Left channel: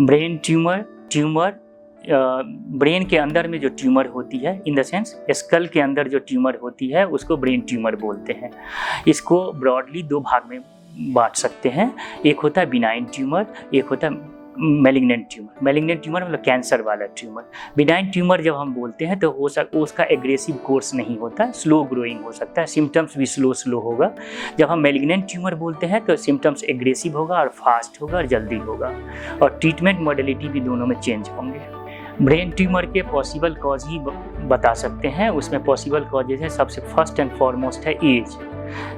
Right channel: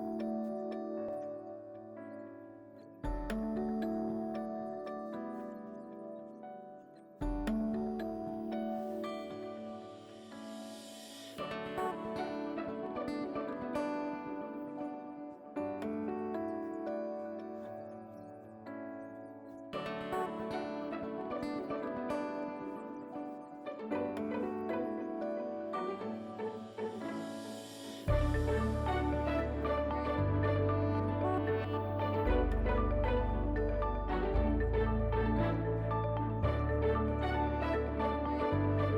Brain tumour brain के अंदर में जो ट्यूमर होती है, इन द सेंस स्कल के अंदर जो ट्यूमर होती है उसको ब्रेन ट्यूमर बोलते हैं। इसको ब्रॉडली 2 भाग में बांट सकते हैं। एक होता है बिनाइन ट्यूमर, एक होता है मैलिग्नेंट ट्यूमर। मैलिग्नेंट ट्यूमर मतलब कैंसर वाला ट्यूमर। बिनाइन ट्यूमर जब हम बोलते हैं तो उसका एग्रेसिव कोर्स नहीं होता, स्लो ग्रोइंग हो सकता है, सिम्टम्स भी स्लो होगा। जब हम मैलिग्नेंट ट्यूमर बोलते हैं तो सिम्टम्स एग्रेसिव होगा और फास्ट होगा और जल्दी होगा, और ट्रीटमेंट मॉडलिटी भी दोनों में चेंज होंगे। ब्रेन ट्यूमर के पॉसिबल कॉज ही बता सकते हैं। उसमें पॉसिबल कॉजेज है, सबसे फर्स्ट एंड फॉरमोस्ट है एज।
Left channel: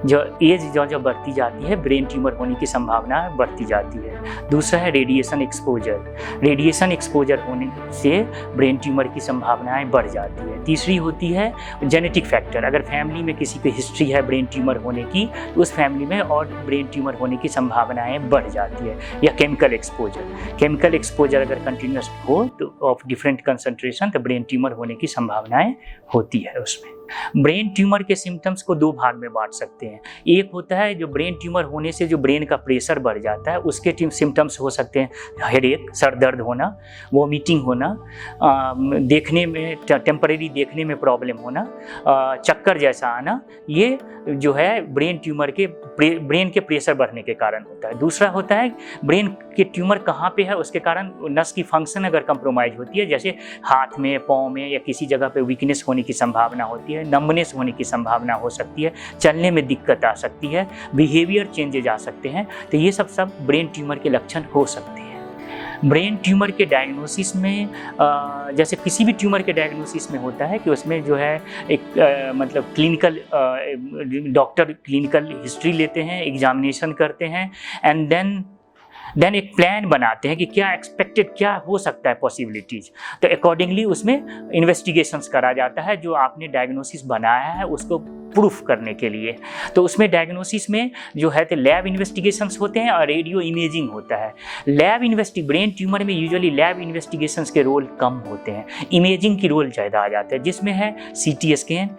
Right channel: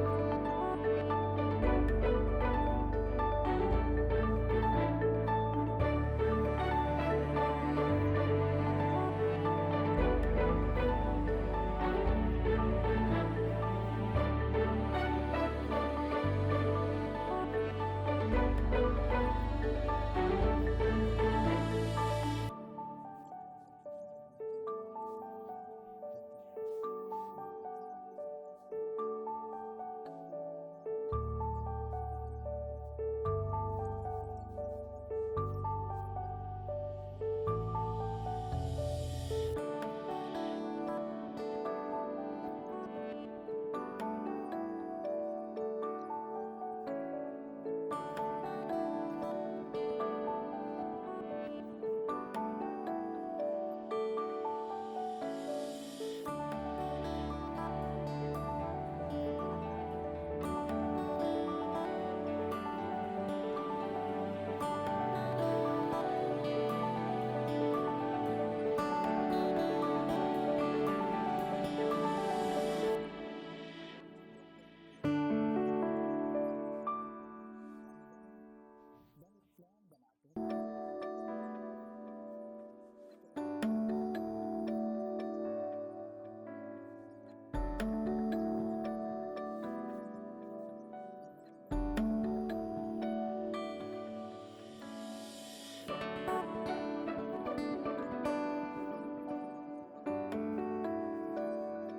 जो बढ़ती जाती है ब्रेन ट्यूमर होने की संभावना बढ़ती जाती है। दूसरा है रेडिएशन एक्सपोजर। रेडिएशन एक्सपोजर होने से ब्रेन ट्यूमर की संभावनाएं बढ़ जाती है। तीसरी होती है जेनेटिक फैक्टर। अगर फैमिली में किसी की हिस्ट्री है ब्रेन ट्यूमर होने की तो उस फैमिली में और ब्रेन ट्यूमर होने की संभावनाएं बढ़ जाती है। या केमिकल एक्सपोजर अगर कंटिन्यूस हो तो ऑफ डिफरेंट कंसंट्रेशन तो ब्रेन ट्यूमर होने की संभावनाएं होती है उसमें। ब्रेन ट्यूमर के सिम्टम्स को 2 भाग में बांट सकते हैं। एक होता है जो ब्रेन ट्यूमर होने से जो ब्रेन का प्रेशर बढ़ जाता है, उसके सिम्टम्स हो सकते हैं हेडेक, सर दर्द होना, वॉमिटिंग होना, देखने में टेम्परेरी देखने में प्रॉब्लम होना, चक्कर जैसा आना। ये जो है ब्रेन ट्यूमर के ब्रेन के प्रेशर बढ़ने के कारण होता है। दूसरा होता है ब्रेन के ट्यूमर कहाँ पे है उसके कारण नस की फंक्शन अगर कंप्रोमाइज होती है, जैसे हाथ में, पाँव में या किसी जगह पे वीकनेस होने की संभावना होती है, नंबनेस होने की संभावना हो सकती है, चलने में दिक्कत आ सकती है, बिहेवियर चेंजेज आ सकते हैं। तो ये सब ब्रेन ट्यूमर के लक्षण हो सकते हैं। ब्रेन ट्यूमर के डायग्नोसिस में जैसे किसी भी ट्यूमर के डायग्नोसिस में होता है कि उसमें जो है एक मतलब क्लिनिकल डॉक्टर क्लिनिकल हिस्ट्री लेते हैं, एग्जामिनेशन करते हैं, एंड देन एक प्लान बनाते हैं कि क्या एक्सपेक्टेड क्या हो सकता है पॉसिबिलिटीज़। तो अकॉर्डिंगली उसमें इन्वेस्टिगेशंस करा जाता है जो आपने डायग्नोसिस बनाया है उसको प्रूफ करने के लिए। तो उसमें डायग्नोसिस में जो है तो लैब इन्वेस्टिगेशंस होते हैं और रेडियो इमेजिंग होता है। ब्रेन ट्यूमर में यूजुअली लैब इन्वेस्टिगेशंस के रोल कम होते हैं, इमेजिंग की रोल ज़्यादा आ जाता है, जिसमें है CT स्कैन,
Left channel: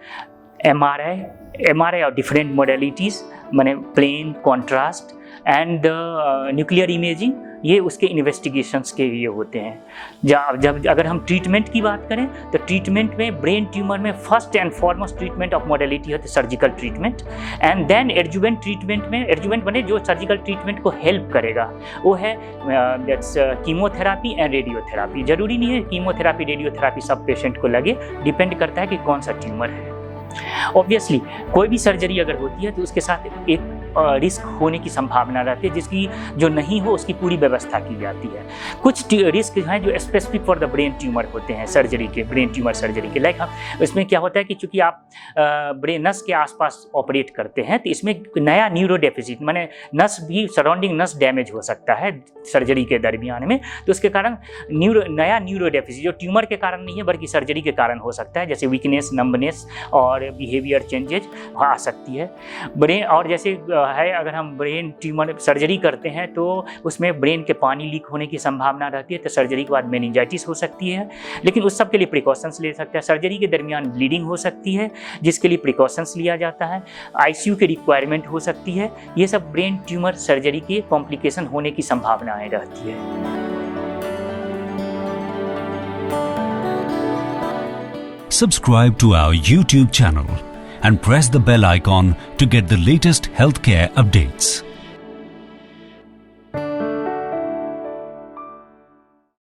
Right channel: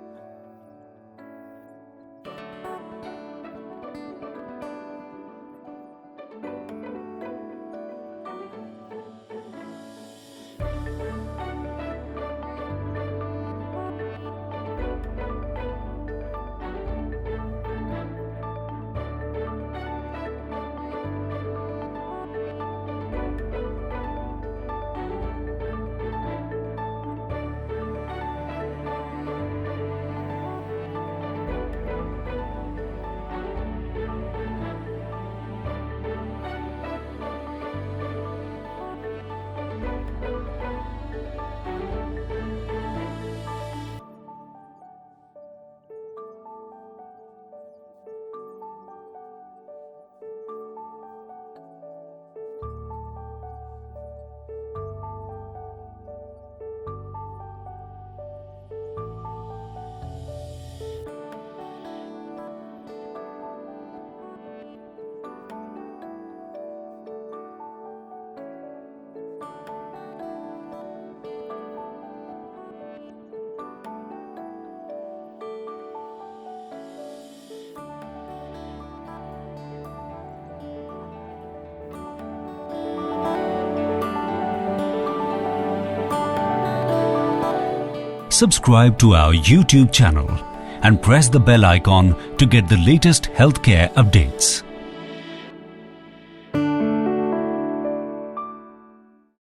MRI और डिफरेंट मॉडलिटीज़, माने plain, contrast and nuclear imaging, ये उसके इन्वेस्टिगेशंस के लिए होते हैं। जब अगर हम ट्रीटमेंट की बात करें तो ट्रीटमेंट में ब्रेन ट्यूमर में first and foremost treatment of modality है surgical treatment, and then adjuvant treatment में एडजुवेंट बने जो सर्जिकल ट्रीटमेंट को हेल्प करेगा वो है कीमोथेरापी एंड रेडियोथेरापी। जरूरी नहीं है कीमोथेरापी रेडियोथेरापी सब पेशेंट को लगे, डिपेंड करता है कि कौन सा ट्यूमर है। ऑब्वियसली कोई भी सर्जरी अगर होती है तो उसके साथ एक रिस्क होने की संभावना रहती है, जिसकी जो नहीं हो उसकी पूरी व्यवस्था की जाती है। कुछ रिस्क हैं जो specific for the brain tumour होते हैं ब्रेन ट्यूमर सर्जरी के। लाइक इसमें क्या होता है कि चूंकि आप ब्रेन नस के आसपास ऑपरेट करते हैं तो इसमें नया न्यूरो डेफिसिट माने नस भी सराउंडिंग नस डैमेज हो सकता है सर्जरी के दरमियान में, तो उसके कारण नया न्यूरो डेफिसिट जो ट्यूमर के कारण नहीं है बल्कि सर्जरी के कारण हो सकता है, जैसे वीकनेस, नंबनेस और बिहेवियर चेंजेज आ सकती है ब्रेन। और जैसे है अगर हम ब्रेन ट्यूमर सर्जरी करते हैं तो उसमें ब्रेन के पानी लीक होने की संभावना रहती है, तो सर्जरी के बाद मेनिंजाइटिस हो सकती है, लेकिन उस सब के लिए प्रिकॉशंस ले सकते हैं। सर्जरी के दरमियान ब्लीडिंग हो सकती है जिसके लिए प्रिकॉशंस लिया जाता है, ICU की रिक्वायरमेंट हो सकती है। ये सब ब्रेन ट्यूमर सर्जरी के कॉम्प्लिकेशन होने की संभावनाएं रहती है। Subscribe to our YouTube channel and press the bell icon to get the latest healthcare updates.